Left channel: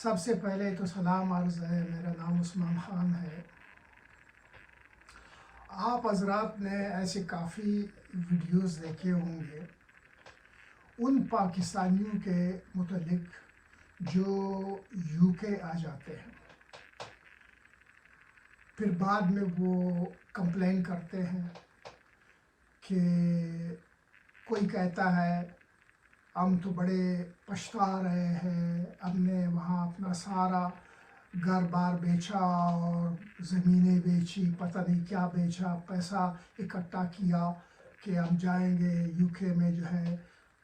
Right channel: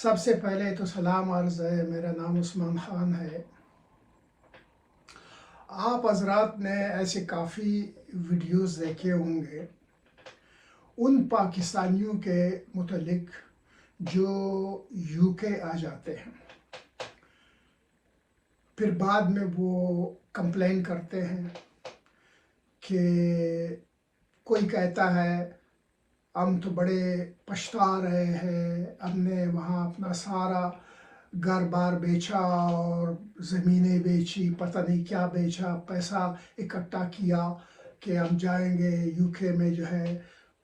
سب سے پہلے تو سلام عرض ہے، میرا نام عثمان خان ہے۔ آپ حضرات نے ایسے کافی ویڈیوز دیکھے ہوں گے ان پاکستانیوں کے متعلق جو یو کے آ جاتے ہیں، پھر بعد میں وہ کمپلین کرتے ہیں کہ کوئی کہتا ہے ہم تو بڑے پچھتا رہے ہیں، ہم نے وہاں اپنا سارا گھر بار بیچا اور زمینیں بیچی، پتہ نہیں کیا بیچا، پیسہ اکٹھا کیا کہ ہم جائیں گے یو کے میں، جو ہے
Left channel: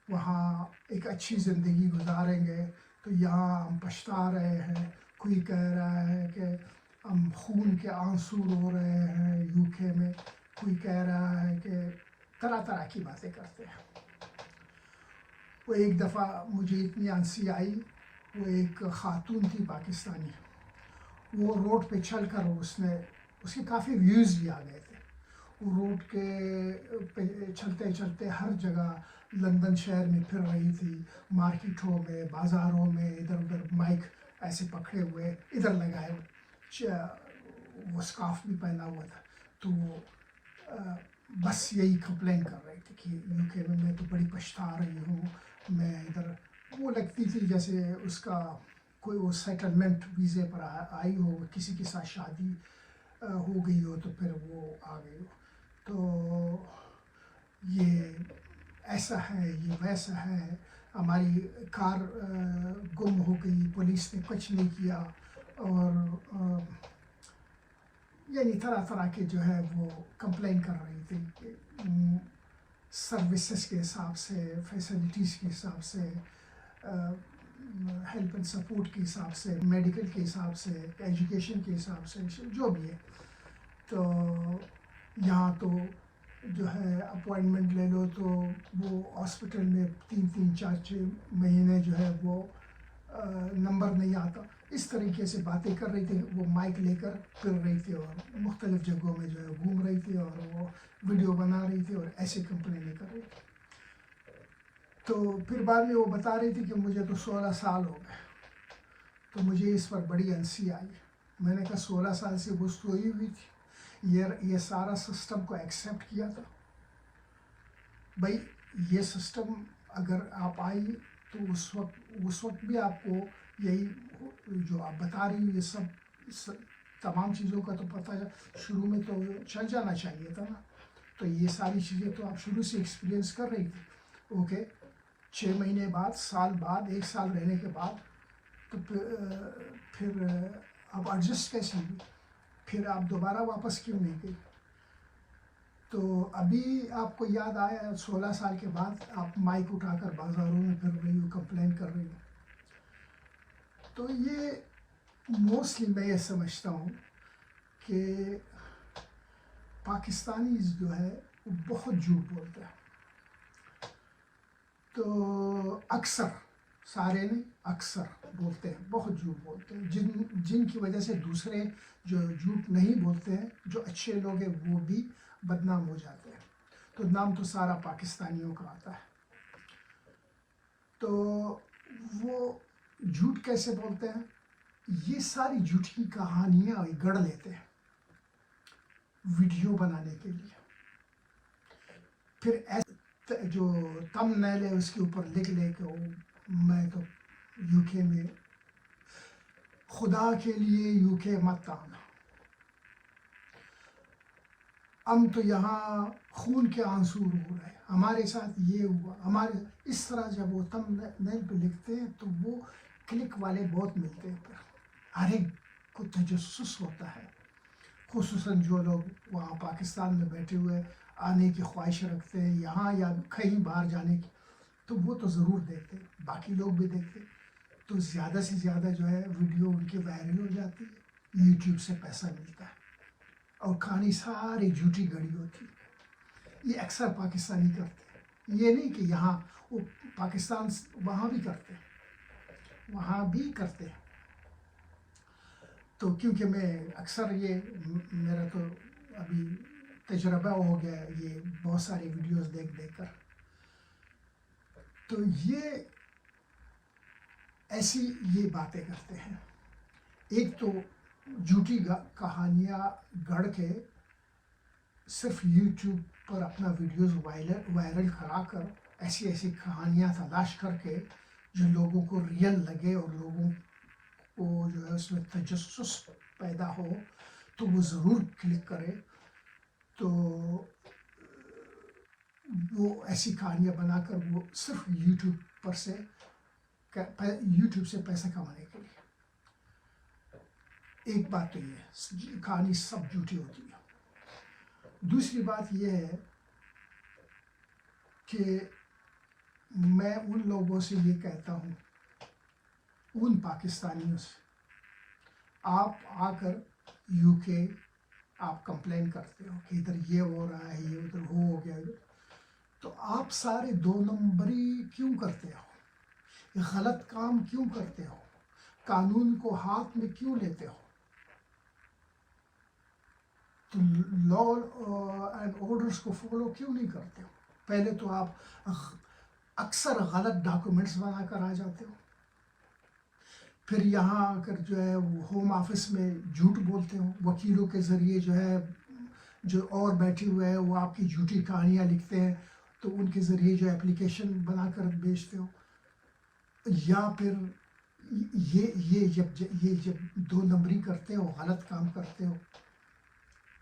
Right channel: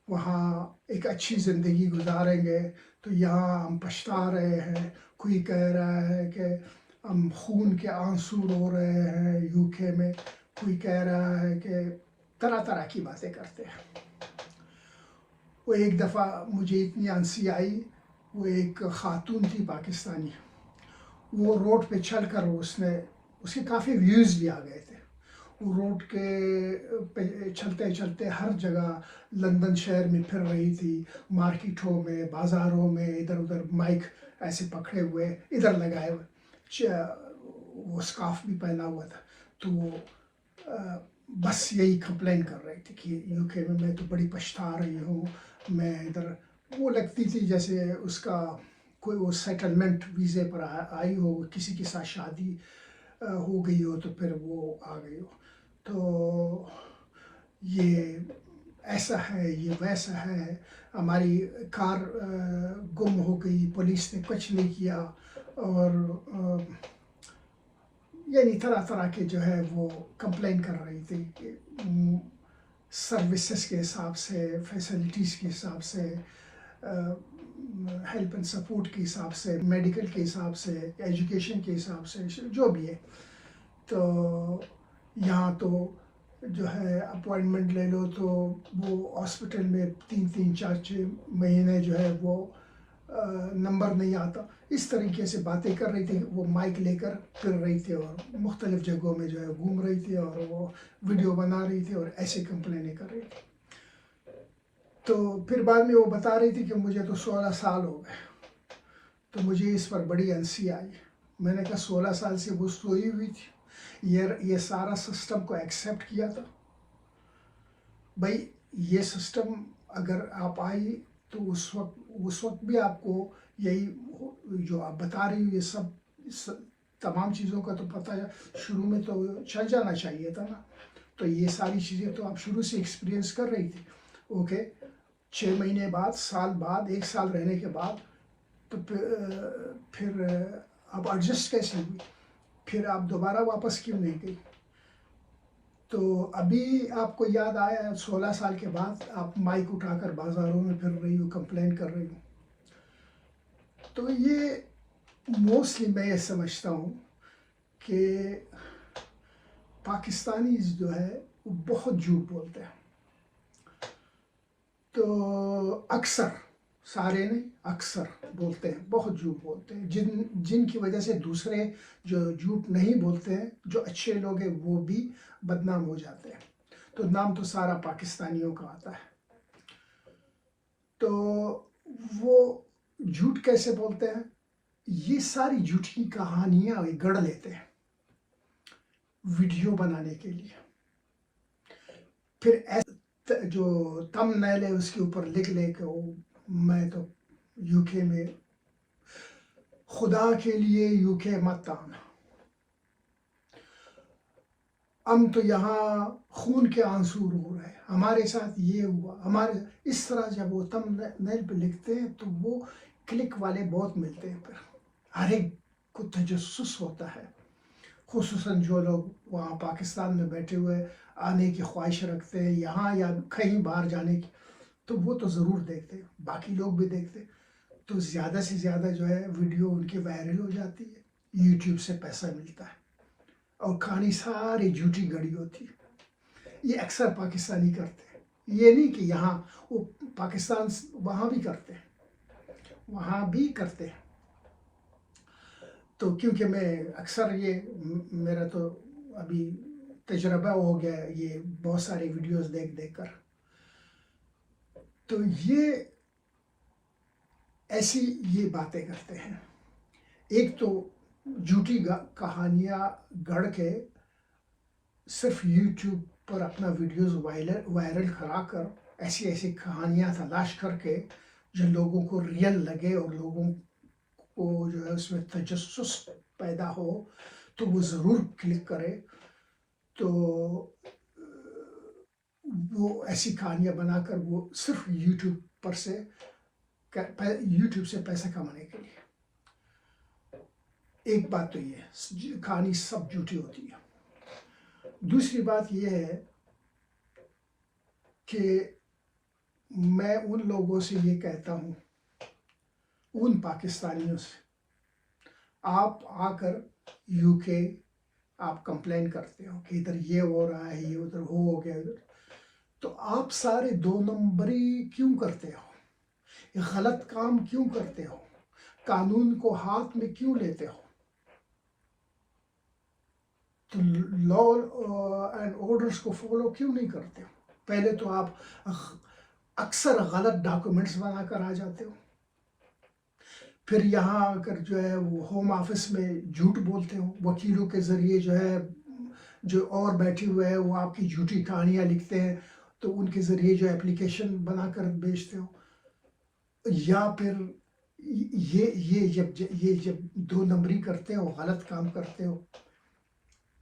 وہاں ایک اچھی زندگی گزاریں گے، تو یہاں ہم پچھتا رہے ہیں۔ کوئی کہہ رہا ہے کہ ہم خون کے آنسو رو رہے ہیں یو کے میں، کوئی کہہ رہا ہے کہ طرح طرح کی باتیں کرتے ہیں۔ وہ ایک دفعہ مجھے اتنی ہنسی آئی، وہ ایک خاتون تھی پاکستانی، وہ روڈ پہ چل کر اس کے کافی ویوز بھی آ گئے تھے۔ وہ روڈ کے پہ چلتے چلتے ہر جگہ لندن شہر میں پھر رہی تھی، مارکیٹوں میں، بازاروں میں، ادھر ادھر مائک ایسے پکڑے ہوئے، ادھر لگائے ہوئے، وہ سکارف بھی پہنا ہوا تھا، تو وہ بس یہی کمپلین کر رہی تھی کہ یو کے میں تو بڑی پچھتا رہی ہوں، میں ادھر۔ وہ لگتی تھی جیسے اس کا کوئی وہ سیٹلمنٹ ویزے پر آئی ہو، کسی کے ساتھ شادی ہو گئی ہو تو پھر وہ آ گئی ہو، تو یہ ایسا ہے، یہ ویسا ہے، ہماری کار گم ہو گئی، پولیس نے کچھ نہیں کیا، اور یعنی طرح طرح کے جو ہے وہ کمپلین کر رہی تھی کہ سروسز کے حساب سے، فیسلٹیز کے حساب سے، ہیلپ اینڈ سپورٹ کے حساب سے، میڈیکل کے حساب سے، ایجوکیشن کے حساب سے، جو بھی ہے۔ تو یہاں تو جو ہے اپوائنٹمنٹ لے لو تو وہ ہاسپٹل میں 3-4 مہینے جو ہے وہ نمبر نہیں آتا، اس طریقے سے باتیں کر رہی تھی۔ وہ مائک لے کر پھر رہی تھی اور مختلف جگہوں میں جو ہے گھوم رہی تھی، اور وہ ویڈیو بنا رہی تھی اور ایسے کمپلینیں کر رہی تھی۔ تو پھر بعد میں وہ بتا رہی تھی کہ مجھے تو 16 سال ہو گئے، تو مجھے اس پر بڑی ہنسی آئی۔ میں نے کہا 16 سال سے وہ سوئی ہوئی تھی، یہ سارا سسٹم کو ایکسیپٹ کیا تھا؟ بھائی یہ سسٹم اگر آپ آئی تو اس وقت بھی آپ کو یہی جو آپ بتا رہی یہ سب تمام چیزوں کا تو پتہ شروع میں تو چل جانا چاہیے تھا نا۔ تو یہ ساری چیزیں تو آپ شروع سے ایکسپیرینس کر رہی تھی۔ اوکے، 6 مہینے بعد، سال بعد، 1 سال رہنے کے بعد تو پھر آپ ایڈجسٹ کیسے ہوئی؟ پھر آپ دوبارہ واپس کیوں نہیں گئی؟ تو ابھی آپ کو یاد آیا 16 سال کے بعد آپ مائک اٹھا کر بازاروں میں پھر رہی ہو، کمپلین کر رہی ہو۔ تو یہ موسٹلی میں یہ سمجھتا ہوں کہ پاکستانی جو ہے وہ بہت جھوٹ بولتے ہیں۔ تو اکثر، سارے نہیں، اکثر بولتے ہیں، بہت جھوٹ بولتے ہیں، جن کی وجہ سے دوسرے جو جھوٹ نہیں بولتے ہیں، جو اچھے لوگ ہیں، وہ بھی بدنام ہو جاتے ہیں۔ تو نام تو سارا پاکستانیوں کا آتا ہے۔ تو وہ جھوٹ کیسے بولتے ہیں؟ یہ ساری جھوٹی کہانیاں گڑھ لیتے ہیں ویڈیو بنانے کے لیے، پھر جو تمبنیل ہے اس کے اوپر لکھ لے کہ میں تو یو کے میں، خدا کے لیے یو کے مت آنا، ہم تو یہاں خون کے آنسو رو رہے ہیں، ہمارے ساتھ یہ ہوا، ہمارے اس طرح جب وہ تمبنیل پہ لکھتے ہیں تو وہ کلک والے بہت ملتے ہیں، پھر ہر ایک کو تجسس ہوتا ہے، خصوصاً جو لوگ وہاں پاکستان میں بیٹھے ہوئے آنے کی خواہش رکھتے ہیں یہاں یا کہیں باہر جانے کی، تو وہ تو ضرور دیکھتے، باقی لوگ بھی دیکھتے، تو زیادہ سے زیادہ جو ہے ویڈیو ان کی وائرل ہو جاتی ہے، یوٹیوب سے پیسہ ملتا ہے، اور کہانی ساری جھوٹی گڑی ہوتی ہے۔ یہ اکثر پاکستانی کرتے ہیں، یہ نہیں کہ یہاں، وہ پاکستان وہاں بھی کرتے ہیں، وہاں بھی کرتے ہیں۔ تو کیونکہ میں اکثر یہ میرا تو ابھی تجربہ ہو گیا یہ بہت سارے ویڈیوز دیکھ کر، تو یہ ایسی یہ باتیں کرتے ہیں. ایک تو جھوٹی کہانیاں گڑھ کے صرف یوٹیوب پر اپنا ویڈیوز وائرل کرا کر ایسی ایسی کہانیاں تلاش کر کے جو لوگوں کو ریئل لگے اور لوگوں کو جو ہے اس میں تجسس پیدا ہو تو وہ ضرور کلک کرے. تو وہ ایسی کہانیاں بنا کر وہ صرف یوٹیوب سے پیسے کمانے کے لیے. ایک بات تو یہ ہے کہانی سب جھوٹی ہوتی ہے. دوسری بات یہ ہے کہ میں ان لوگوں سے یہ کہتا ہوں، ان پاکستانیوں سے، آپ آ کر یو کے آپ کمپلین کرتے ہو کہ ادھر یہ ہو رہا ہے، یہ ادھر ہو گیا، تو آپ سارے 2 نمبری کیوں کرتے ہو؟ غلط کام کیوں کرتے ہو؟ قانون کو ہاتھ میں کیوں لیتے ہو؟ تو لا اینڈ آرڈرس کو فالو کیوں نہیں کرتے ہو؟ پہلے تو آپ اکثر غلط ڈاکومنٹس بنا کر آ جاتے ہو، پھر یہاں آ کر جو ہے وہ ہوم آفس میں جھوٹ بولتے ہو، وکیلوں کے ذریعے جو ہے جو اور بیٹھے ہوئے ہیں وہ آپ کی جھوٹی کہانیاں لکھتے ہیں، تو ان کے ذریعے جو اپلیکیشن بنا کر بیچتے ہو. یا پھر یہ جب 2 نمبری کرتے ہو، غلط کام کرتے ہو،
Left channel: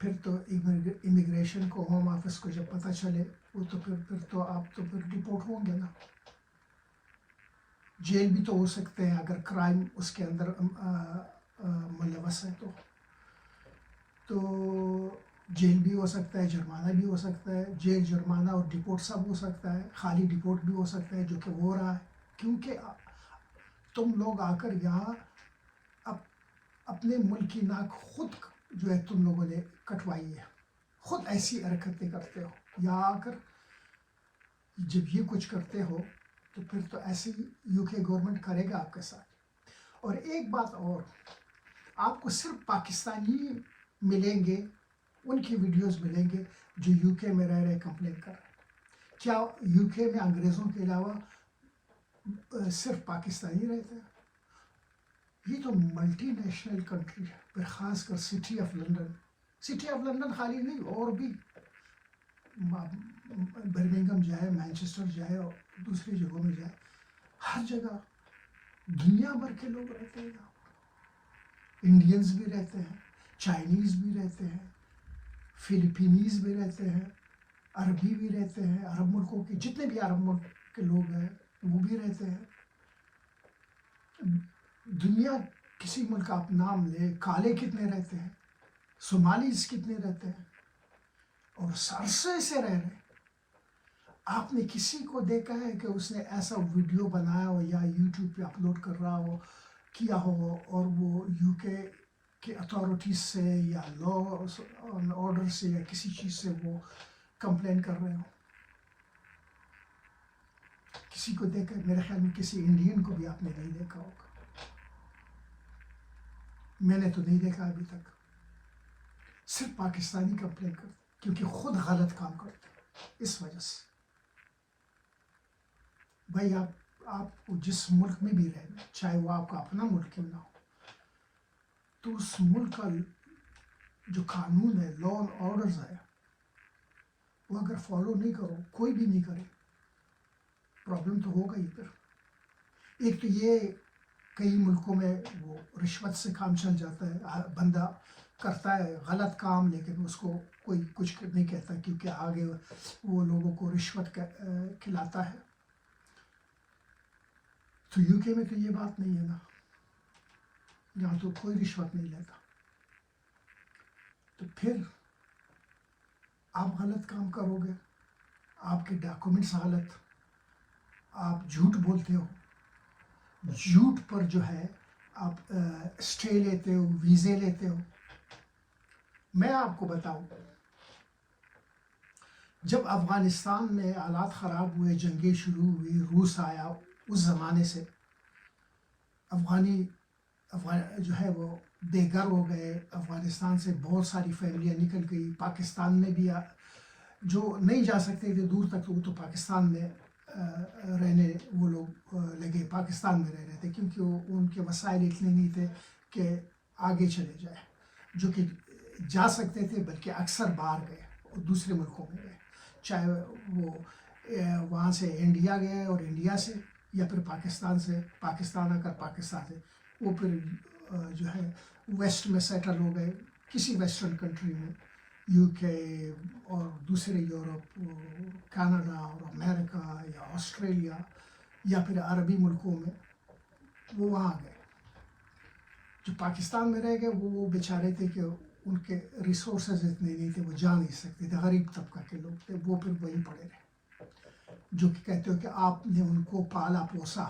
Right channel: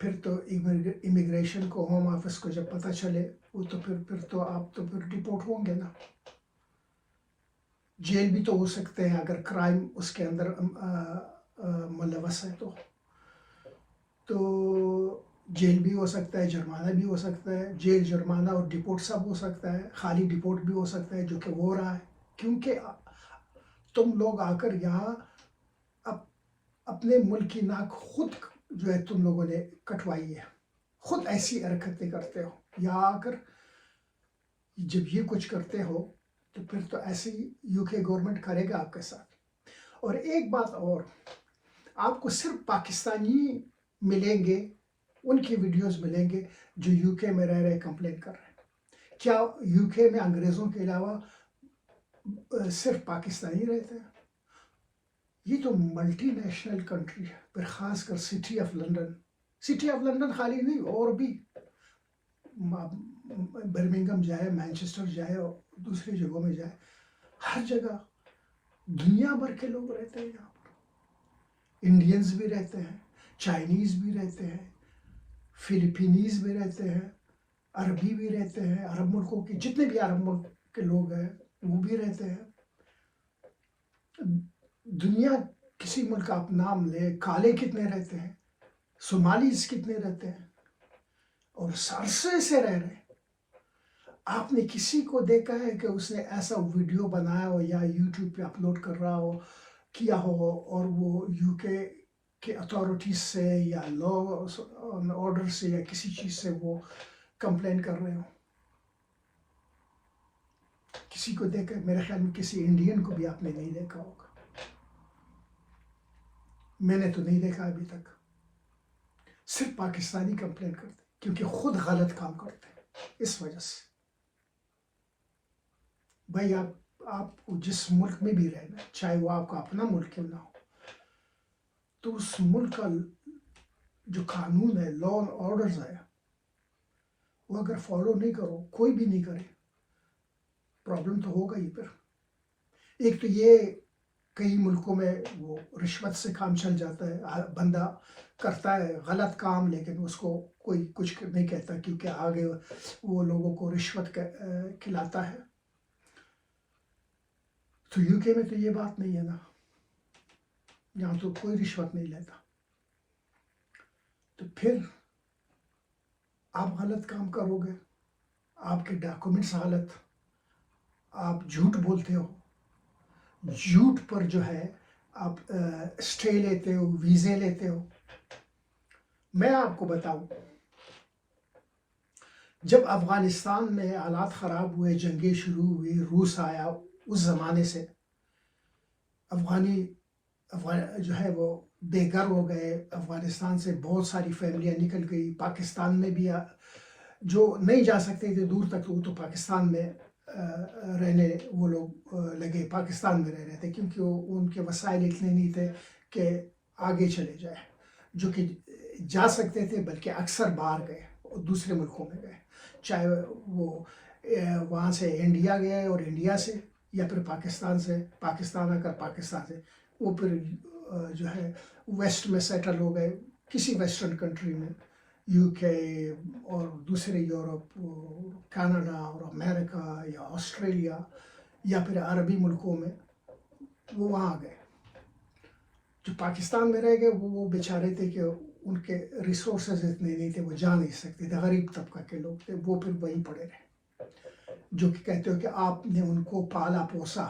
پھر تو امیگریشن کو، ہوم آفس کو جب پتہ چلے وہ تو پھر آپ تو ڈپورٹ ہوں گے نا. جیل بھی تو ہو سکتے ہیں اگر کرائم اس کے اندر ملوث ہے تو جیل بھی ہو سکتا ہے، جرمانہ بھی ہو سکتا ہے. جیل، جرمانہ اور ڈپورٹ سب ہو سکتا ہے. خالی ڈپورٹ بھی ہو سکتا ہے جو کہ ہو رہا ہے، کیونکہ تم لوگ آ کر یہاں اپنے ملک کی ناک خود جو ہے تم لوگوں نے کٹوائی ہے، خود ایسی حرکتیں کرتے ہو. یہاں آ کر جب یہ کچھ کرتے ہو تو پھر تو ایسے ہی یو کے گورنمنٹ کرے گا آپ کے ساتھ. اور ایک بات اور، آپ کو صرف پاکستانی ملیں گے، ان کی ویڈیوز ملیں گے جو یو کے میں رہ رہے کمپلین کر رہے ہیں. کیا یو کے میں انگریزوں کے علاوہ صرف پاکستانی رہتے ہیں؟ یہ تو ملٹی نیشنل کنٹری ہے. پھر خاص کر سٹی آف لنڈن خالی نہیں، اور بھی برمنگم جائے، مانچسٹر جائے اور دوسری جگہوں میں جائے، ہر جگہ دنیا بھر کے لوگ رہتے ہیں. یہاں پر انڈینز بھی رہتے ہیں، چائنیز بھی رہتے ہیں، فلپینیز بھی رہتے ہیں، عربی بھی رہتے ہیں. عرب ملکوں کے جتنے بھی عرب ملک کے لوگ ہیں وہ بھی رہتے ہیں. دنیا کسی ملک کا آپ نام لے، کالے کتنے رہتے ہیں، صومالیز کتنے رہتے ہیں، اور عرصے سے رہ رہے ہیں. آپ نے کسی کو دیکھا ہے کہ اس نے ایسا ویڈیو بنایا ہو یا یوٹیوب پہ اپلوڈ کر رہا ہو، کیا ہو، اور وہ یو کے اتھارٹیز سے یا لا آرڈر سے یا کسی چیز سے وہ کمپلین کر رہے ہو؟ کسی کو دیکھا؟ میرے خیال میں کسی انڈین کو بھی آپ نے نہیں دیکھا ہوگا. میں نے تو نہیں دیکھا ابھی تک. صرف پاکستانی کمپلین کرتے کیونکہ خود غلط کام کرتے ہیں. اس وجہ سے بھائی آپ کو جس ملک میں بھی رہنا ہے، چاہے وہ آپ کا اپنا ملک کیوں نہ ہو، تو اس ملک کا جو قانون ہے، لا اینڈ آرڈرز ہے، وہ اگر فالو نہیں کرو، کوئی بھی نہیں کرے، پرابلم تو ہوگا ہی. پھر ایک تو یہ کئی ملکوں میں وہ رشوت سے کام چل جاتا ہے. بندہ کرتا ہے غلط کام لیکن اس کو کوئی کچھ نہیں کہتا کیونکہ آگے وہ لوگوں کو رشوت کھلاتا ہے. تو یو کے میں تو یہ بات نہیں ہے نا، یہاں تو کوئی رشوت نہیں لیتا. تو پھر آپ غلط کام کرو گے، آپ کے ڈاکومنٹس غلط، آپ جھوٹ بولتے ہو، جھوٹ پر جو ہے آپ اسٹے لیتے ہو، ویزے لیتے ہو. میں آپ کو بتاؤں، جب افغانستان میں حالات خراب ہوئے، جنگیں شروع ہوئی، روس آیا، اس زمانے سے افغان جو ہے وہ بے گھر ہو گئے. افغانستان سے بہت ساری فیملیاں نکل گئی. پاکستان میں بھی جو نہیں جا سکتے تھے دور تک، وہ تو پاکستان میں رہنے وہ لوگ لگے، پاکستان میں رہ رہے تھے، کیونکہ ان کے وسائل اتنے نہیں تھے کہ آگے چلے جائے، جو کہ جا سکتے تھے، بلکہ اکثر باہر گئے اور دوسرے ملکوں میں گئے، چاہے وہ وہاں سے انڈیا گئے اور انڈیا سے، یا پھر پاکستان سے، پاکستان آ کر پاکستان سے وہ پھر جو ہے ویسٹ میں سیٹل ہو گئے، کسی ویسٹرن کنٹری میں، یو کے اور دوسرے یورپ، کینیڈا اور امریکہ یا آسٹریلیا یا پھر عربی ملکوں میں، وہ وہاں گئے۔ جو پاکستان میں رہ گئے وہ بیچارے تھے کہ ان کے ریسورسز اتنے نہیں تھے، وہ جا نہیں سکتے تھے، غریب طبقہ کے لوگ تھے، وہ پھر وہیں پڑے رہے، جو کہ کہتے ہو کہ آپ نے ان کو پالا پوسا،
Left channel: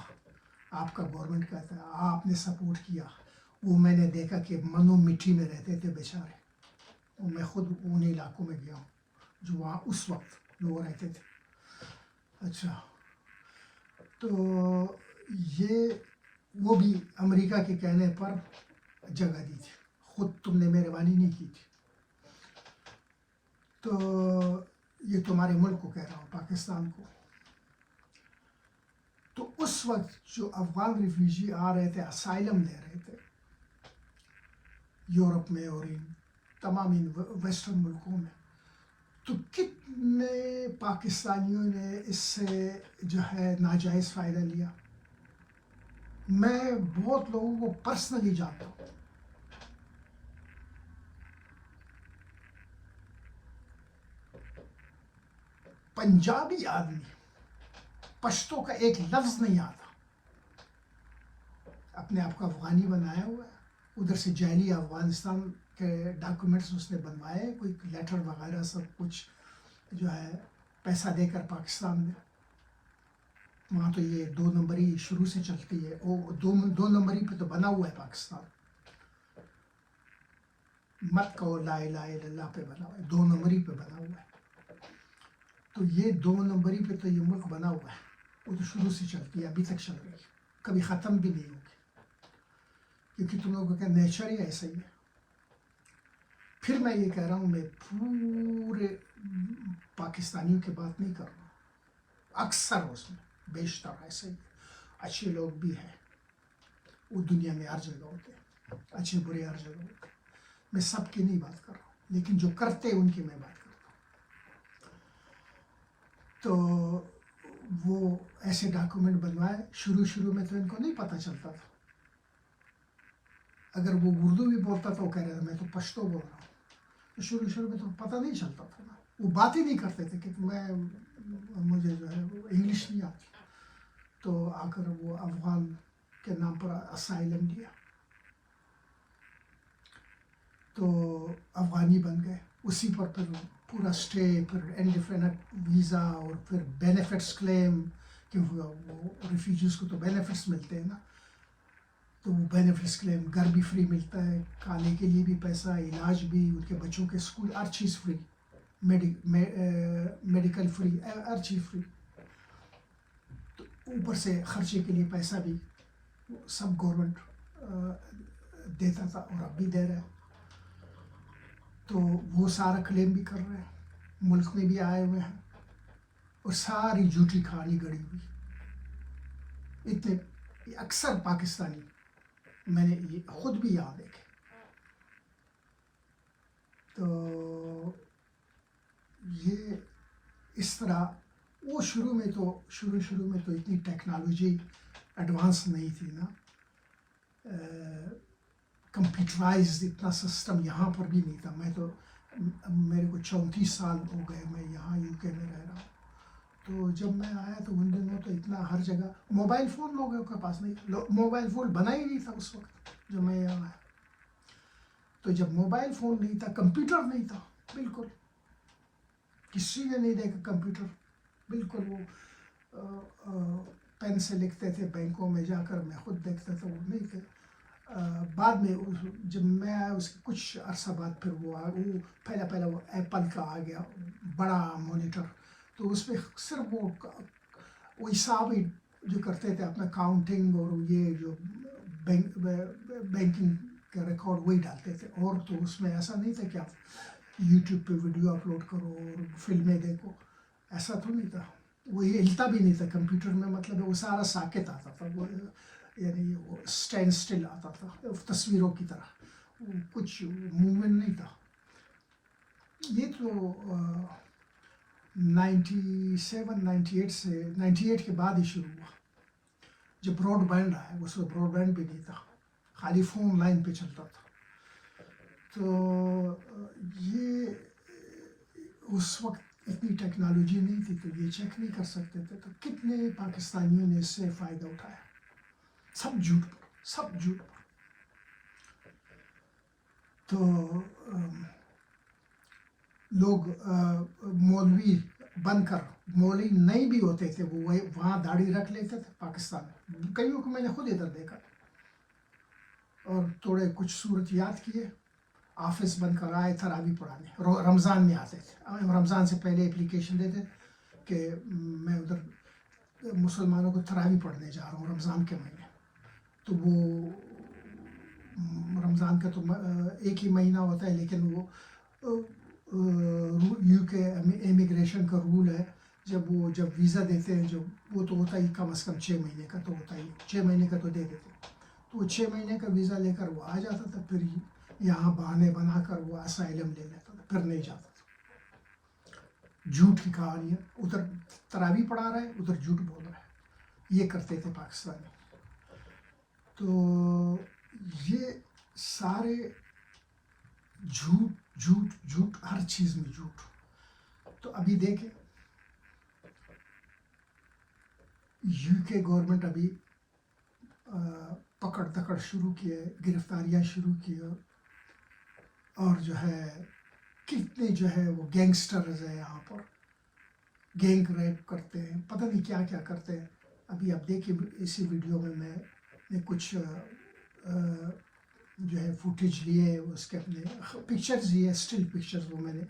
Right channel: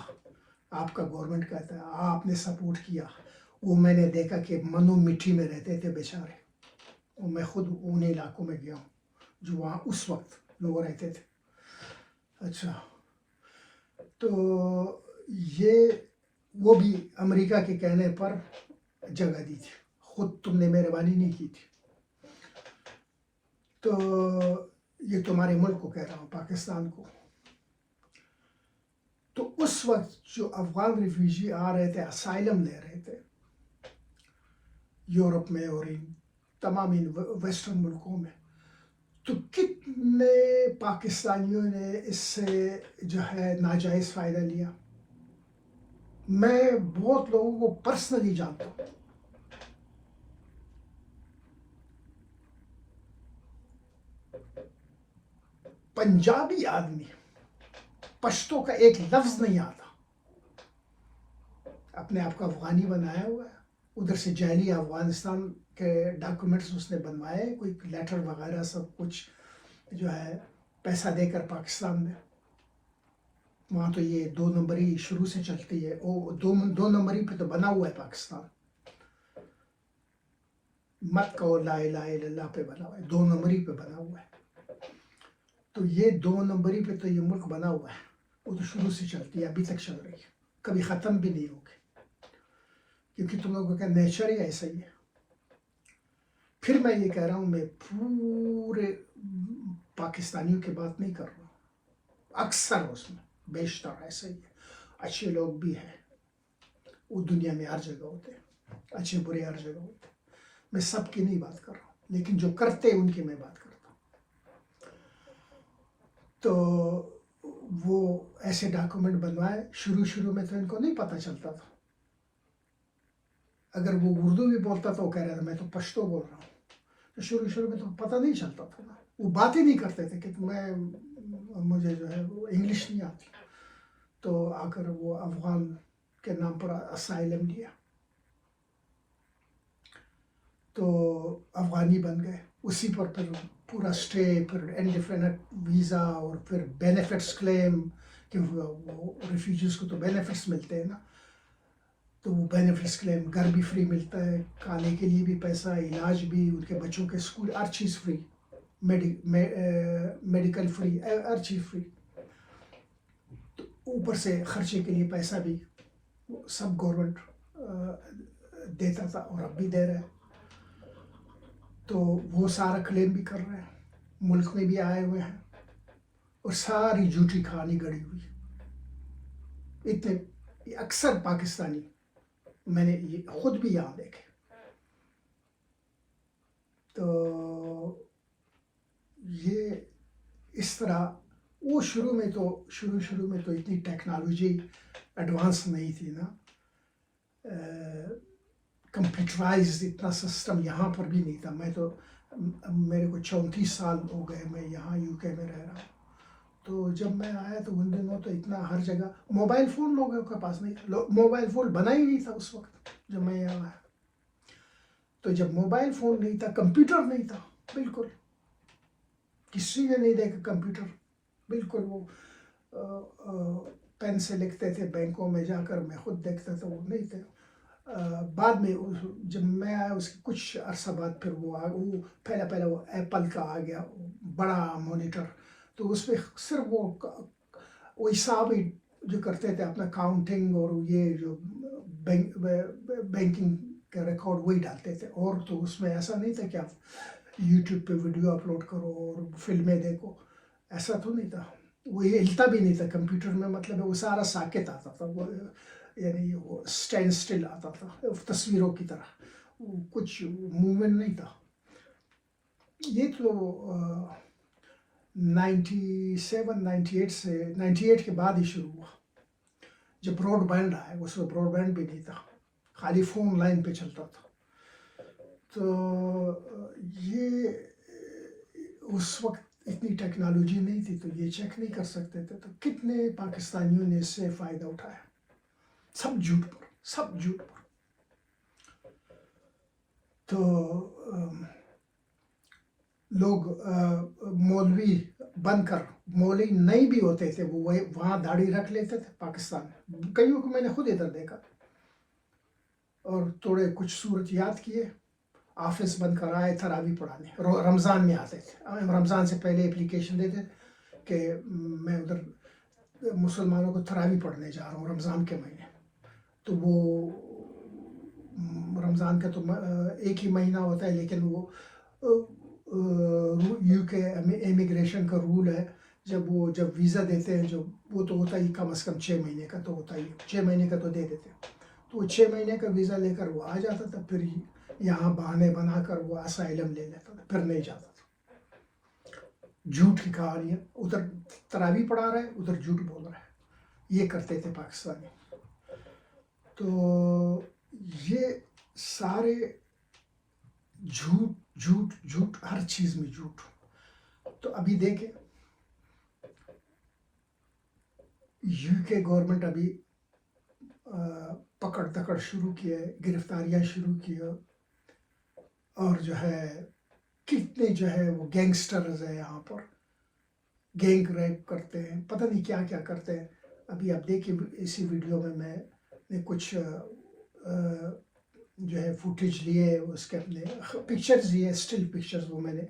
آپ کا گورنمنٹ کہتا ہے آپ نے سپورٹ کیا، وہ میں نے دیکھا کہ منو مٹی میں رہتے تھے بیچارے، اور میں خود ان علاقوں میں گیا ہوں جو وہاں اس وقت لوگ رہتے تھے۔ اچھا، تو یہ وہ بھی امریکہ کے کہنے پر جگہ دی تھی، خود تم نے مہربانی نہیں کی تھی، تو یہ تمہارے ملک کو کہہ رہا ہوں، پاکستان کو۔ تو اس وقت جو افغان ریفیوجی آ رہے تھے، اسائلم لے رہے تھے یورپ میں اور ان تمام ان ویسٹرن ملکوں میں، تو کتنے پاکستانیوں نے اس سے جو ہے ناجائز فائدہ لیا۔ میں بہت لوگوں کو پرسنلی جانتا ہوں، پنجابی آدمی پشتو کا ایک لفظ نہیں آتا، اپنے آپ کو افغانی بنایا ہوا ہے، ادھر سے جعلی افغانستان کے ڈاکومنٹس اس نے بنوائے، کوئی لیٹر وغیرہ سب کچھ جو ہے پیسہ دے کر پاکستان میں، وہاں تو یہ 2 نمبری شروع سے چلتی ہے، وہ 2 نمبری پہ تو بنا ہوا ہے پاکستان، مت کہو لا الہ الا اللہ پہ بنا ہوا ہے، 2 نمبری پہ بنا ہوا ہے، تو یہ 2 نمبری پہ تو یہ ملک بنا ہوا ہے، وہ تو شروع سے چلتی ہے، ابھی تک چل رہی ہے، کبھی ختم بھی نہیں ہوگی، کیونکہ تم لوگوں کا نیچر ہی ایسا ہی ہے۔ پھر میں یہ کہہ رہا ہوں، میں پورے پاکستانیوں کی بات نہیں کر رہا ہوں، اکثر اس میں بیشتر ایسا ہی ہے، اچھے لوگ بھی ہیں، وہ دنیا میں ہر جگہ ہوتے ہیں، اچھے برے ہر جگہ ہوتے ہیں، میں سب کی نہیں بات کر رہا ہوں، لیکن جو کرتے ہیں ان کی میں بات کرتا ہوں۔ تو وہ ایسے ڈاکومنٹ بنوائے، شروع میں تو ان کو نہیں پتہ چلتا تھا، اگر وہ اردو بھی بولتا تو وہ کہہ رہا تھا میں تو پشتو بول رہا ہوں، تو شروع میں تو پتہ نہیں چلتا تھا نا، وہ بات ہی نہیں کرتے تھے کہ مجھے جو ہے وہ انگلش نہیں آتی، تو آ کر وہ افغان کے نام پر اسائلم لیا، تو افغانی بن گئے، اسی پر پھر پورا اسٹے، پھر انڈیفینٹ ویزا، اور پھر بینیفٹس کلیم، کہ وہ ریفیوجیز کو تو بینیفٹس ملتے ہیں نا، تو وہ بینیفٹس کلیم، گھر بھی فری ملتا ہے، کھانے کے لیے بھی پیسہ، علاج بھی، ان کے بچوں کے اسکول، ہر چیز فری، میڈیکل فری، ہر چیز فری، تو اوپر سے خرچے کے لیے پیسہ بھی سب گورنمنٹ دیتا تھا، اور اب بھی دے رہے ہیں، تو وہ سارا کلیم بھی کر رہے ہیں، ملک میں بھی آئے ہوئے ہیں، اور ساری جھوٹی کہانی گڑی ہوئی، اتنے اکثر پاکستانی میں نے یہ خود بھی یاد دیکھے، تو یہ اس طرح وہ شروع میں تو اتنی ٹیکنالوجی ایڈوانس نہیں تھی نا، کمپیوٹرائزڈ اتنا سسٹم یہاں پر بھی نہیں تھا، میرے کو 34 سال ہو گئے میں یہاں یو کے میں رہ رہا ہوں، تو جب میں آیا تو ان دنوں تو اتنا ہر جگہ موبائل فون لوگوں کے پاس نہیں، موبائل فون بنا ہی نہیں تھا اس وقت جب میں یہاں آیا، تو جب موبائل فون نہیں تھا، کمپیوٹر نہیں تھا، بالکل کسی نے نہیں دیکھا کمپیوٹر، بالکل وہ پین سے لکھتے تھے بینکوں میں جا کر، میں خود دیکھتا تھا، وہ نہیں تھے، بعد میں جب میں آیا اس کے کچھ عرصہ بعد پھر وہ پہلا وہ ایپل کا آ گیا بڑا مانیٹر، تو اس پہ صرف وہ حساب ہی جو کرتے تھے اپنا کاؤنٹنگ، اور یہ جو بینکنگ کا ریکارڈ وہی ڈالتے تھے، اور تو اس میں ایسا نہیں تھا کہ آپ یوٹیوب پہ ویڈیو اپلوڈ کرو اور فلمیں دیکھو، ایسا تو نہیں تھا، وہ یہ ہلتا بھی نہیں تھا کمپیوٹر میں، مطلب ہے وہ سارا ساکت آتا تھا، وہ یعنی وہ اسٹینڈ اسٹل آتا تھا تصویروں کی طرح، کچھ موومنٹ نہیں تھا. یہ تو 97 98 سے 98 کے بعد ہی شروع ہوا جب براڈ بینڈ آیا. اس میں براڈ بینڈ بھی نہیں تھا، خالی فون لائن پہ چلتا تھا. تو یہ اس وقت اتنی ٹیکنالوجی نہیں تھی تو یہ چیک نہیں کر سکتے تھے. تو کتنے پاکستانیوں نے اس سے فائدہ اٹھایا، سب جھوٹ پر، سب جھوٹ پر. تو لوگ مولوی بن کر، مولوی نہیں بھی ہوتے تھے، وہ وہاں داڑھی رکھ لیتے تھے پاکستان میں. کئیوں کو میں نے خود ادھر دیکھا، اور تھوڑے کچھ صورت یاد کیے، آفس بند کر آئے تراویح پڑھانے. رمضان میں آتے تھے، رمضان سے پہلے اپلیکیشن دیتے کہ میں ادھر مسلمانوں کو تراویح پڑھنے جا رہا ہوں رمضان کے مہینے. تو وہ رمضان کا تو ایک ہی مہینہ ہوتا ہے، لیکن وہ یو کے امیگریشن کا رول ہے، جب ویزا دیتے ہیں وہ تو ہوتا ہی کم از کم 6 مہینے کا، تو ہوتا ہی 6 مہینے کا تو دے دیتے. تو وہ 6 مہینے کا ویزا لے کر وہ آ جاتا تھا، پھر یہاں بہانے بنا کر وہ اسائلم لے لیتا تھا، پھر نہیں جاتا تھا. جھوٹ کی کہانیاں، ادھر تراویح پڑھا رہا ہے، ادھر جھوٹ بول رہا ہے، یہ کرتے تھے پاکستانی. تو یہ سارے جھوٹ جھوٹ جھوٹ، ہر چیز میں جھوٹ. تو ابھی دیکھیں یو کے گورنمنٹ ابھی پکڑ دکڑ شروع کیے، گرفتاریاں شروع کی، اور جو ہے کتنے جو ہے وہ گینگسٹرز ہیں یہاں پر، گینگ ریپ کرتے ہیں، پتہ نہیں کیا کیا کرتے ہیں. ابھی آپ دیکھیے اسی ویڈیو میں نے کچھ جو ہے فوٹیج لیے، اس کے اپنے پکچرز لیے، اسٹل پکچرز، وہ میں نے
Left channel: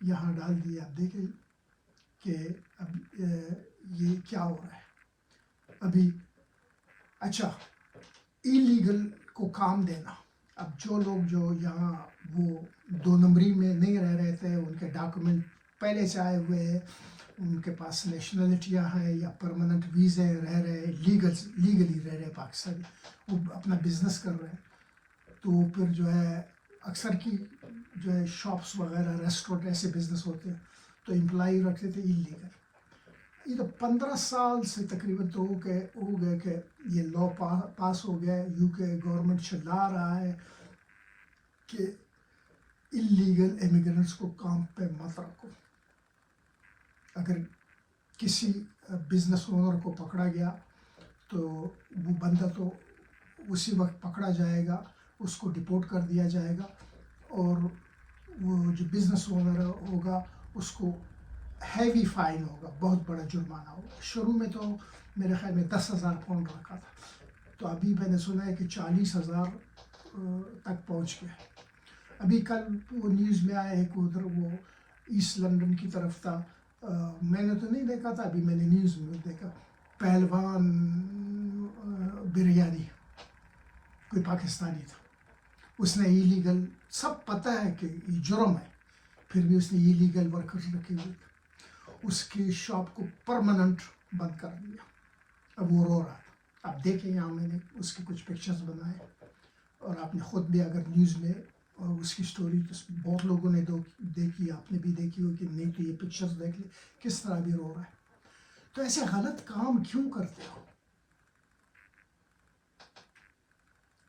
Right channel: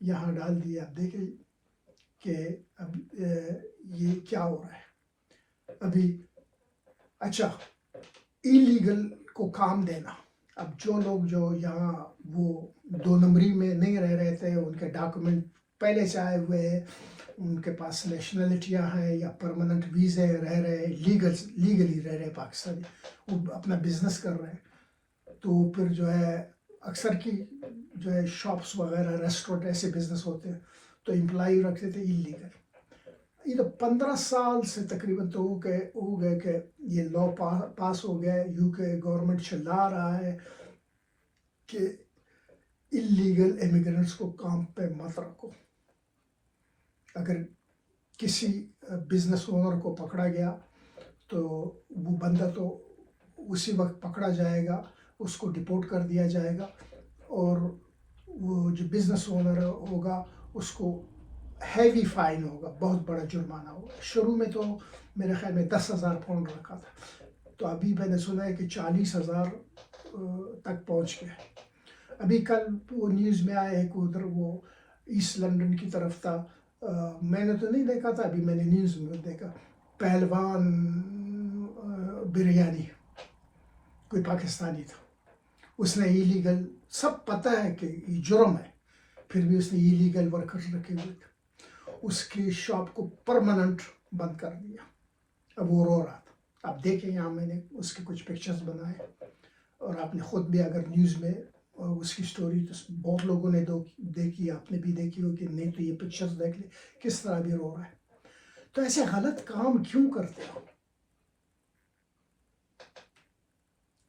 یہاں ڈال دیے. آپ دیکھیں کہ اب یہ کیا ہو رہا ہے ابھی. اچھا، ایلیگل کو کام دینا. اب جو لوگ جو یہاں وہ 2 نمبری میں نہیں رہ رہے تھے، ان کے ڈاکومنٹ پہلے سے آئے ہوئے ہیں، ان کے پاس نیشنلٹیاں ہیں یا پرماننٹ ویزے رہ رہے، لیگلی رہ رہے پاکستانی، وہ اپنا بزنس کر رہے ہیں. تو پھر جو ہے اکثر کی جو ہے شاپس وغیرہ، ریسٹورنٹ، ایسے بزنس ہوتے ہیں، تو امپلائی رکھتے تھے ایلیگل. یہ تو 15 سال سے تقریباً تو ہو گئے کہ یہ لا پاس ہو گیا. یو کے گورنمنٹ چلا رہا ہے کہ ایلیگل امیگرینٹس کو کام پہ مت رکھو. اگر کسی بزنس اونر کو پکڑا گیا تو وہ بندہ تو اسی وقت پکڑا جائے گا، اس کو ڈپورٹ کر دیا جائے گا، اور وہ جو بزنس اونر ہوگا اس کو ہیوی فائن ہوگا، بہت بڑا جرمانہ ہوگا. شروع میں تو میرے خیال میں 10,000 پاؤنڈ رکھا تھا، تو ابھی میں نے سنا ہے کہ 40,000 تک پہنچ گیا. ابھی کل وہ نیوز میں آیا ہے کہ ادھر وہ ایسٹ لنڈن کی طرف تھا، میں نے تو نہیں دیکھا تھا، ابھی میں نے نیوز میں دیکھا، پہلوان بریانی کوئی پاکستانی تھا، اس نے ایلیگل، سب پتہ ہے کہ یہ جرم ہے، پھر بھی اس نے ایلیگل ورکرز رکھے ہوئے تھے، اس کی شاپ کو پرماننٹ بند کر دیا. اب وہ رو رہا تھا. آپ دیکھیں یہاں میں نے اس کے کچھ پکچرز بنائے، اور آپ نے خود بھی اگر نیوز میں اس کی سٹوری تو بہت لوگوں نے دیکھی، آپ نے بھی دیکھی ہو کہ نہیں تو یہ پکچرز دیکھ لیں کس طرح بھی رو رہا ہے. تو ایسے غلط کام کیوں کرتے ہو؟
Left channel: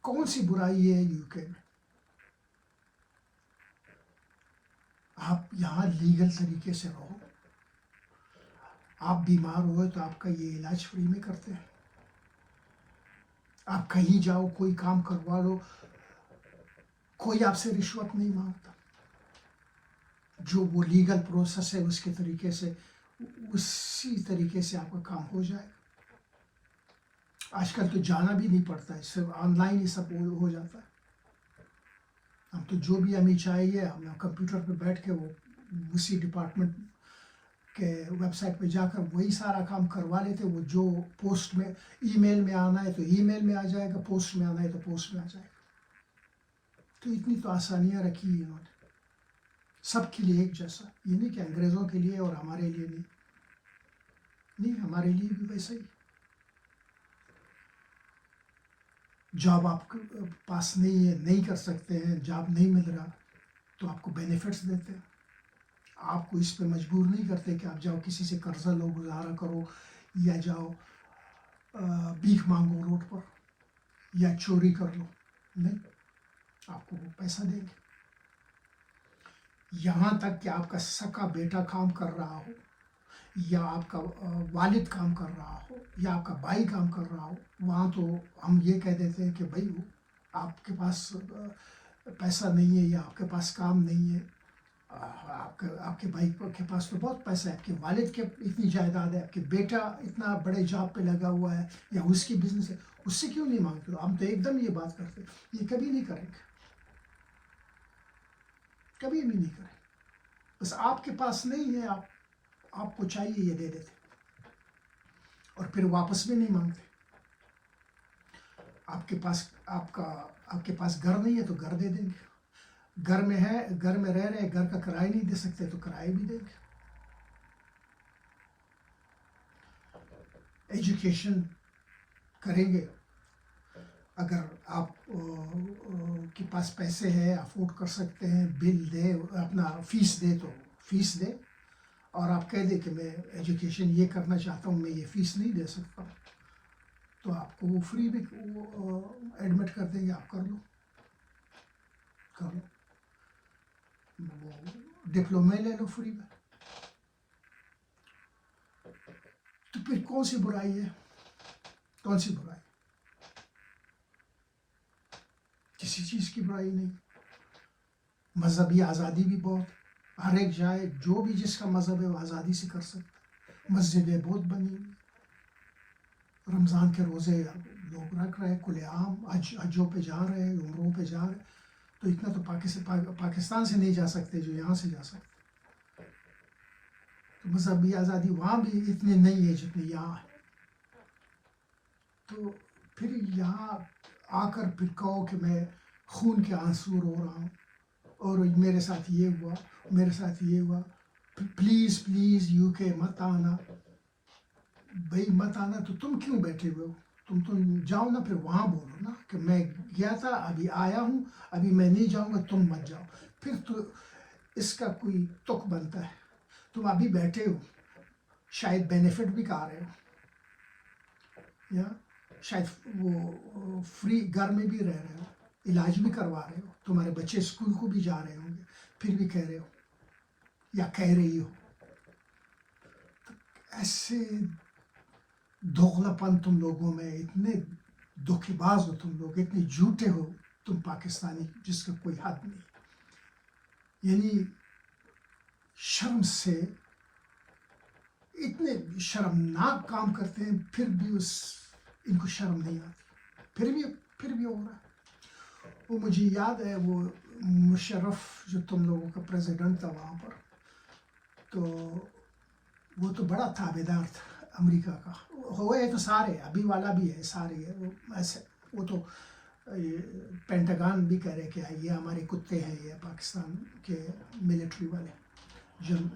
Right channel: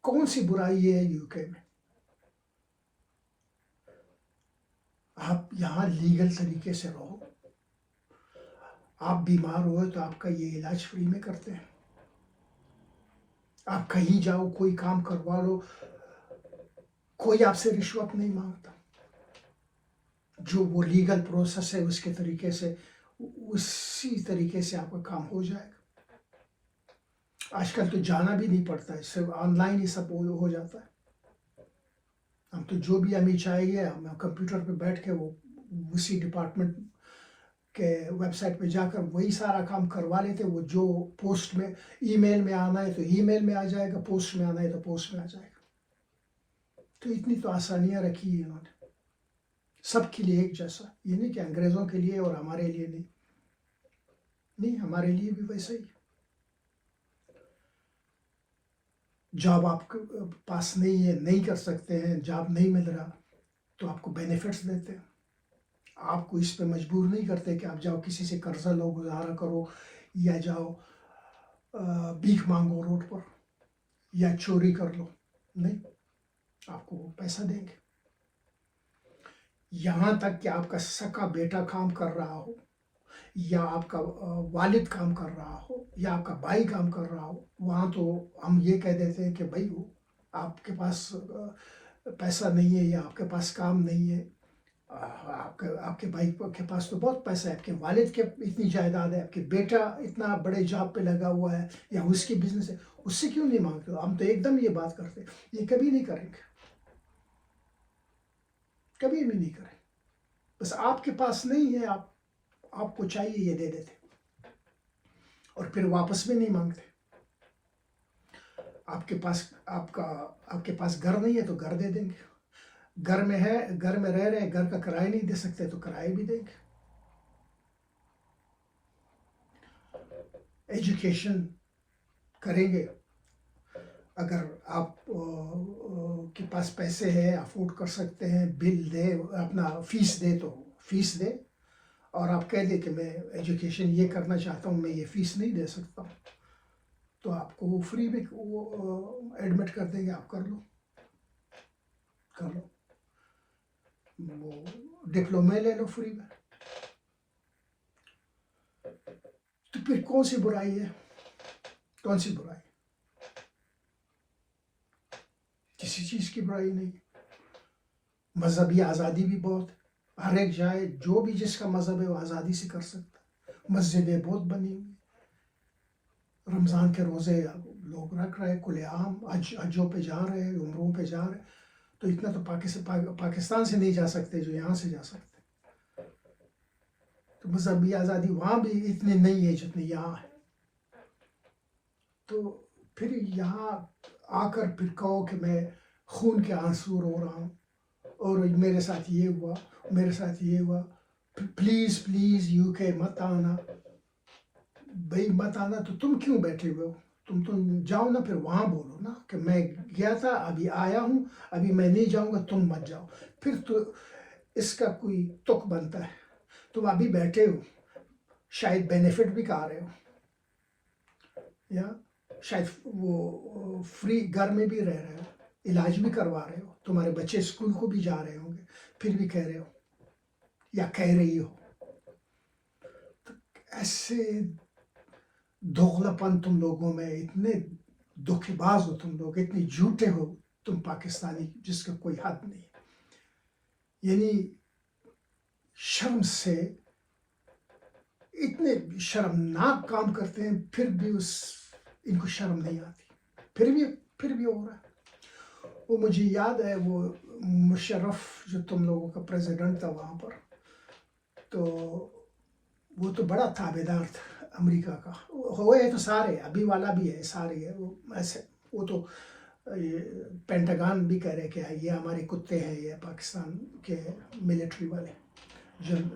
کون سی برائی ہے یو کے میں؟ آپ یہاں لیگل طریقے سے رہو، آپ بیمار ہوئے تو آپ کا یہ علاج فری میں کرتے ہیں. آپ کہیں جاؤ، کوئی کام کروا لو، کوئی آپ سے رشوت نہیں مانگتا. جو وہ لیگل پروسیس ہے اس کے طریقے سے، اسی طریقے سے آپ کا کام ہو جائے گا. آج کل تو جانا بھی نہیں پڑتا ہے، صرف آن لائن ہی سب ہو جاتا ہے. ہم تو جو بھی ہمیں چاہیے، ہم کمپیوٹر پہ بیٹھ کے وہ اسی ڈپارٹمنٹ کے ویب سائٹ پہ جا کر وہی سارا کام کروا لیتے. وہ جو پوسٹ میں ای میل میں آنا ہے تو ای میل میں آ جائے گا، پوسٹ میں آنا ہے تو پوسٹ میں آ جائے گا. تو اتنی تو آسانیاں رکھی ہیں انہوں نے، سب کے لیے ایک جیسا. یہ نہیں کہ انگریزوں کے لیے اور ہمارے لیے نہیں. نہیں، ہمارے لیے بھی ویسا ہی. جاب آپ کے پاس نہیں ہے، نہیں کر سکتے ہیں، جاب نہیں مل رہا، تو آپ کو بینیفٹس دیتے ہیں. آپ کو اس پہ مجبور نہیں کرتے کہ آپ جاؤ کسی سے قرضہ لو، گزارا کرو، یا جاؤ بھیک مانگو روڈ پر، یا چوری کر لو. نہیں، آپ کو وہ پیسہ دیں گے. یہاں تک کہ آپ کا سکا بیٹا کام کر رہا ہو، یا آپ کا والد کام کر رہا ہو، یا آپ کا بھائی کام کر رہا ہو، وہاں تو ہم یہ کہہ دیتے ہیں کہ بھائی آپ کے پاس پیسہ نہیں ہے، یا آپ کے پاس کام نہیں ہے. آپ کے بھائی کے پاس تو بہت پیسہ ہے، آپ کے والد کے اتنی جائیداد ہے، آپ کے بیٹا اتنا بڑے جاب پہ لگا ہوا ہے، یا اس کی بزنس ہے، اس سے کیوں نہیں مانگتے ہو؟ ہم تو ایک دم یہ بات کرتے ہیں. یہ کبھی نہیں کریں گے، کبھی بھی نہیں کریں. بس آپ کے پاس نہیں ہے، آپ کو چاہیے یہ دے دیتے، اور پھر واپس بھی نہیں مانگتے. آپ کے پاس گھر نہیں ہے تو گھر دے دیں گے. گھر میں ہے، گھر میں رہ رہے، گھر کا کرایہ نہیں دے سکتے تو کرایہ بھی دیں گے. ایجوکیشن کریں گے. اگر آپ کے پاس پیسے ہیں، افورڈ کر سکتے ہیں، بل دے، اپنا فیس دے تو فیس دے. اور آپ کہہ دیں کہ میں ایجوکیشن یہ کرنا چاہتا ہوں، میں یہ فیس نہیں دے سکتا ہوں، تو آپ کو وہ فری میں ایڈمٹ کر دیں گے. آپ کر لو، کر لو. وہ ڈپلومے لے لو فری میں. تو پھر کون سی برائی ہے؟ کون سی برائی؟ کسی چیز کی برائی نہیں. مذہبی آزادی بھی بہت، ہر ایک جائے جو بھی جس کا مذہب ہے وہ آزادی سے کر سکتا. مسجدیں بہت بنی ہوئی، رمضان کے روزے لوگ رکھ رہے، کھلے عام حجوں پہ جا رہے، عمروں پہ جا رہے. تو اتنا تو پاکستان سے نہیں جا سکتے جو یہاں سے جا سکتے. تو مذہبی آزادی وہاں بھی اتنی نہیں ہے جتنی یہاں ہے. تو پھر یہاں آ کر پھر کہو کہ میں خون کے آنسو رو رہا ہوں، اور میرے ساتھ یہ ہوا، میرے ساتھ یہ ہوا. پلیز پلیز یو کے مت آنا. بھائی مت آنا تو تم کیوں بیٹھے ہوئے ہو؟ تم جاؤ نا، پھر وہاں بولو نا کہ میں گیا تھا، ابھی آیا ہوں، ابھی میں نہیں جاؤں گا، تم مت جاؤ. پھر تو اس کا کوئی تک بنتا ہے. تم ابھی بیٹھے ہو، شاید بینیفٹ بھی کھا رہے ہو، یا شاید وہ فری گھر میں بھی رہ رہے ہو، علاج بھی کروا رہے ہو، تمہارے بچے اسکول کو بھی جا رہے ہوں گے، پھر بھی کہہ رہے ہو یا کہہ رہی ہو. ایسے دوغلا پن تم لوگوں میں، اتنے دھوکے باز ہو تم لوگ، اتنے جھوٹے ہو تم پاکستانی جس کا کوئی حد نہیں. یعنی شرم سے اتنے شرمناک کام کرتے ہیں، پھر بھی ان کو شرم نہیں آتی، پھر بھی ہو رہا ہے. وہ مجھے یاد ہے، وہ مشرف جو تم لوگوں کا پریزیڈنٹ تھا وہاں پر، تو وہ تو بڑا تابعدار تھا امریکہ کا. ہوئے تو سارے، ابھی والا بھی ہے، سارے ہے وہ ایسے. وہ تو پینٹاگان بھی کہہ رہے کہ یہ ہمارے کتے ہیں، یہ پاکستان کے ملٹری والے جن.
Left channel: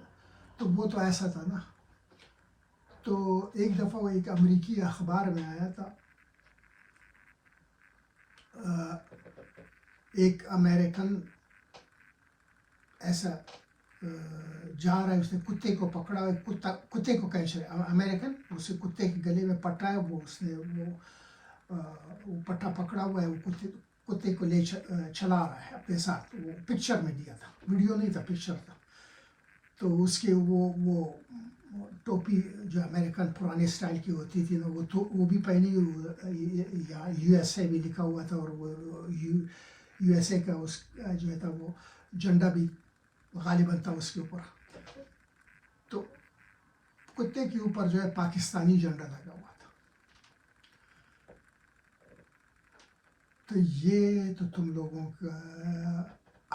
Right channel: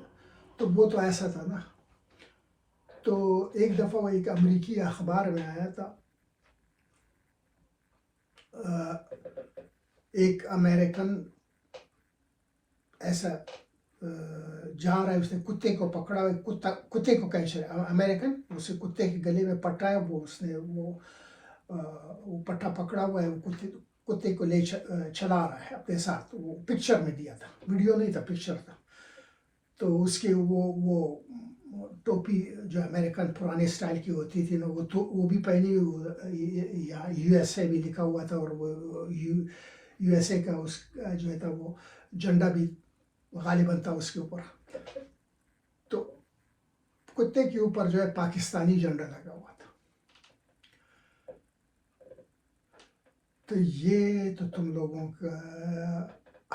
تو وہ تو ایسا تھا نا. تو ایک دفعہ وہ ایک امریکی اخبار میں آیا تھا، ایک امریکن ایسا جا رہا ہے، اس نے کتے کو پکڑا، کتے کو کینچر امریکن، اسے کتے کے گلے میں پٹا ہے، اس نے وہ پٹا پکڑا ہوا ہے، وہ کتے کو لے چلا رہا ہے اپنے ساتھ. وہ پکچر میں دیا تھا، ویڈیو نہیں تھا، پکچر تھا. تو اس کے وہ ٹوپی جو امریکن پرانے اسٹائل کی ہوتی تھی نا، وہ بھی پہنی ہوئی، یو ایس اے بھی لکھا ہوا تھا، اور وہ یو ایس اے کا اس جو ہے تھا وہ جھنڈا بھی غالباً تھا اس کے اوپر. تو کتے کے اوپر جو ہے پاکستانی جھنڈا لگا ہوا تھا. تو یہ تو تم لوگوں کا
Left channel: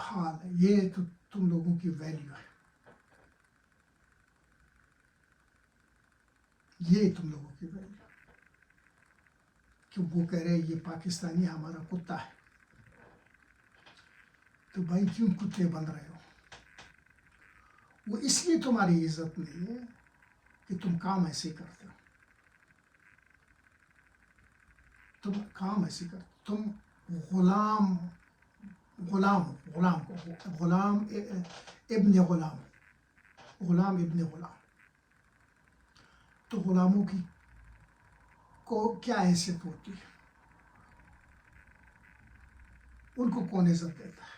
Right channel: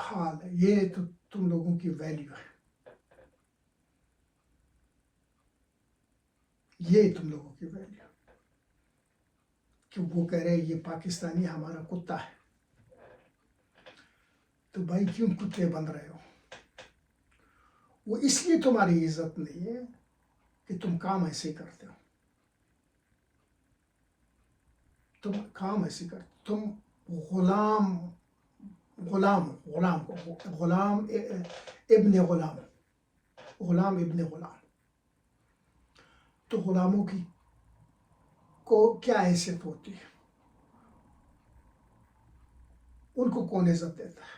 حال ہے، یہ تو تم لوگوں کی ویلیو ہے، یہ تم لوگوں کی ویلیو کہ وہ کہہ رہے یہ پاکستانی ہمارا کتا ہے. تو بھائی کیوں کتے بن رہے ہو؟ وہ اس لیے تمہاری عزت نہیں ہے کہ تم کام ایسے کرتے ہو، تم کام ایسے کرتے، تم غلام غلام غلام کو غلام ابن غلام، غلام ابن غلام، تو غلاموں کی کو کیا حیثیت ہوتی ہے، ان کو کون عزت دیتا ہے؟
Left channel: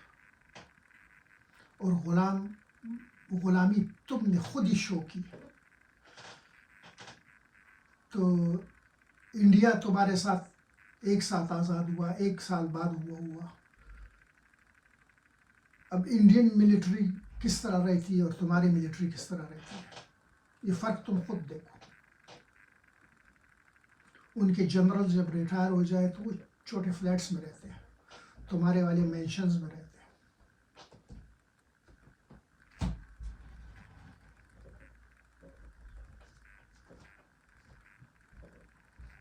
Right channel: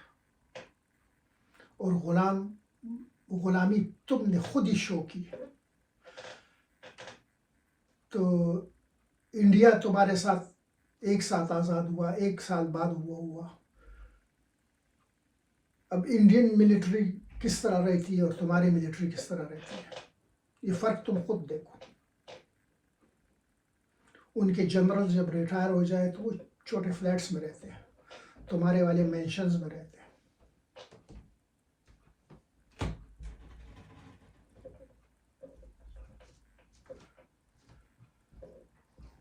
اور غلامی تم نے خود ہی شو کی. تو انڈیا تمہارے ساتھ ایک ساتھ آزاد ہوا، 1 سال بعد ہوا. اب انڈین ملٹری کس طرح رہتی ہے اور تمہاری ملٹری کس طرح رہتی ہے، یہ فرق تم خود دیکھو. ان کے جنرل جب ریٹائر ہو جائے تو وہ چھوٹے فلیٹس میں رہتے ہیں، تمہارے والے مینشنز میں رہتے ہیں.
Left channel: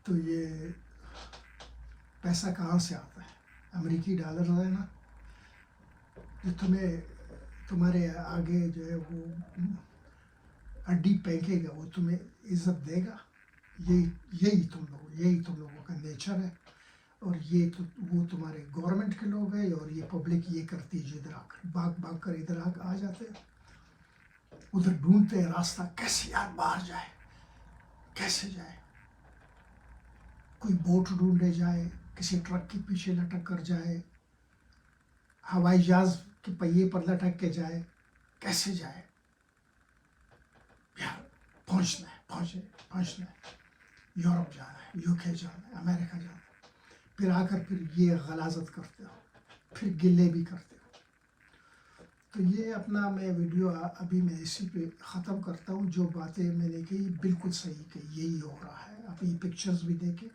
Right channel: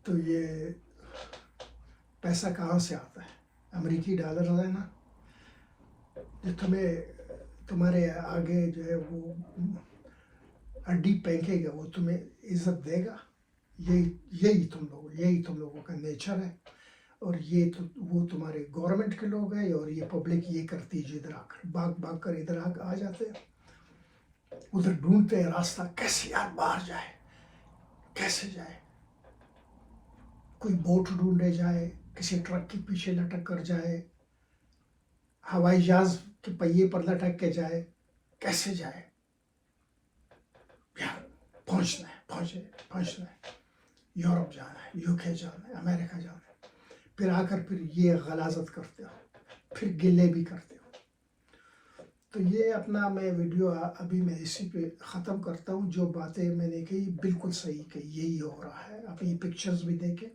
تو یہ پیسہ کہاں سے آتا ہے؟ امریکی ڈالر ہے نا، جو تمہارے آگے جو ہے وہ ہڈی پھینکے گا، وہ تمہیں عزت دے گا. یہی تم لوگوں کا نیچر ہے. اور وہ تمہارے گورنمنٹ کے لوگ ہیں، اور یہ پبلک یہ کرتی ہے، ادھر آ کر بھاگ کر ادھر آ جاتے ہیں، ادھر ڈھونڈتے ہیں راستہ، کیسے یار باہر جائے، کیسے جائے. کوئی بوٹ ڈھونڈے جائے، کسی ٹرک کے پیچھے لٹک کر جائے، ہوائی جہاز کے پہیے پر لٹک کے جائے، کیسے جائے یار. پہنچنا ہے، یورپ جانا ہے، UK جانا ہے، امریکہ جانا ہے. پھر آ کر پھر یہ غلاظت کرتے ہو، پھر گلے بھی کرتے ہو. تو یہ اپنا میں ویڈیو ابھی میں اسی پہ ختم کرتا ہوں. جو باتیں میں نے کہی بالکل صحیح کہ یہی ہو رہا ہے. آپ یہ پکچرز بھی دیکھیں.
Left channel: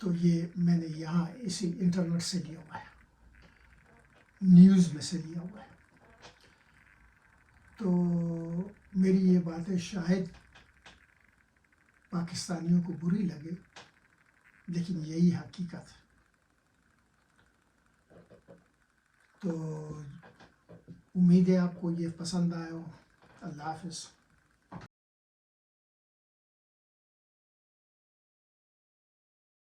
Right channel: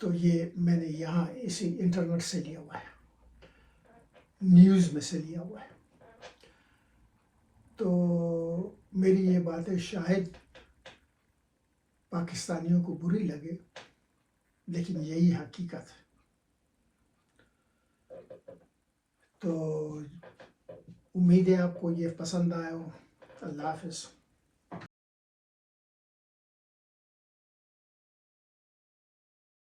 تو یہ میں نے یہاں اسی انٹرنیٹ سے لیا ہوا ہے، نیوز میں سے لیا ہوا ہے. تو میری یہ باتیں شاید پاکستانیوں کو بری لگے، لیکن یہی حقیقت ہے. تو امید ہے آپ کو یہ پسند آیا ہو. اللہ حافظ.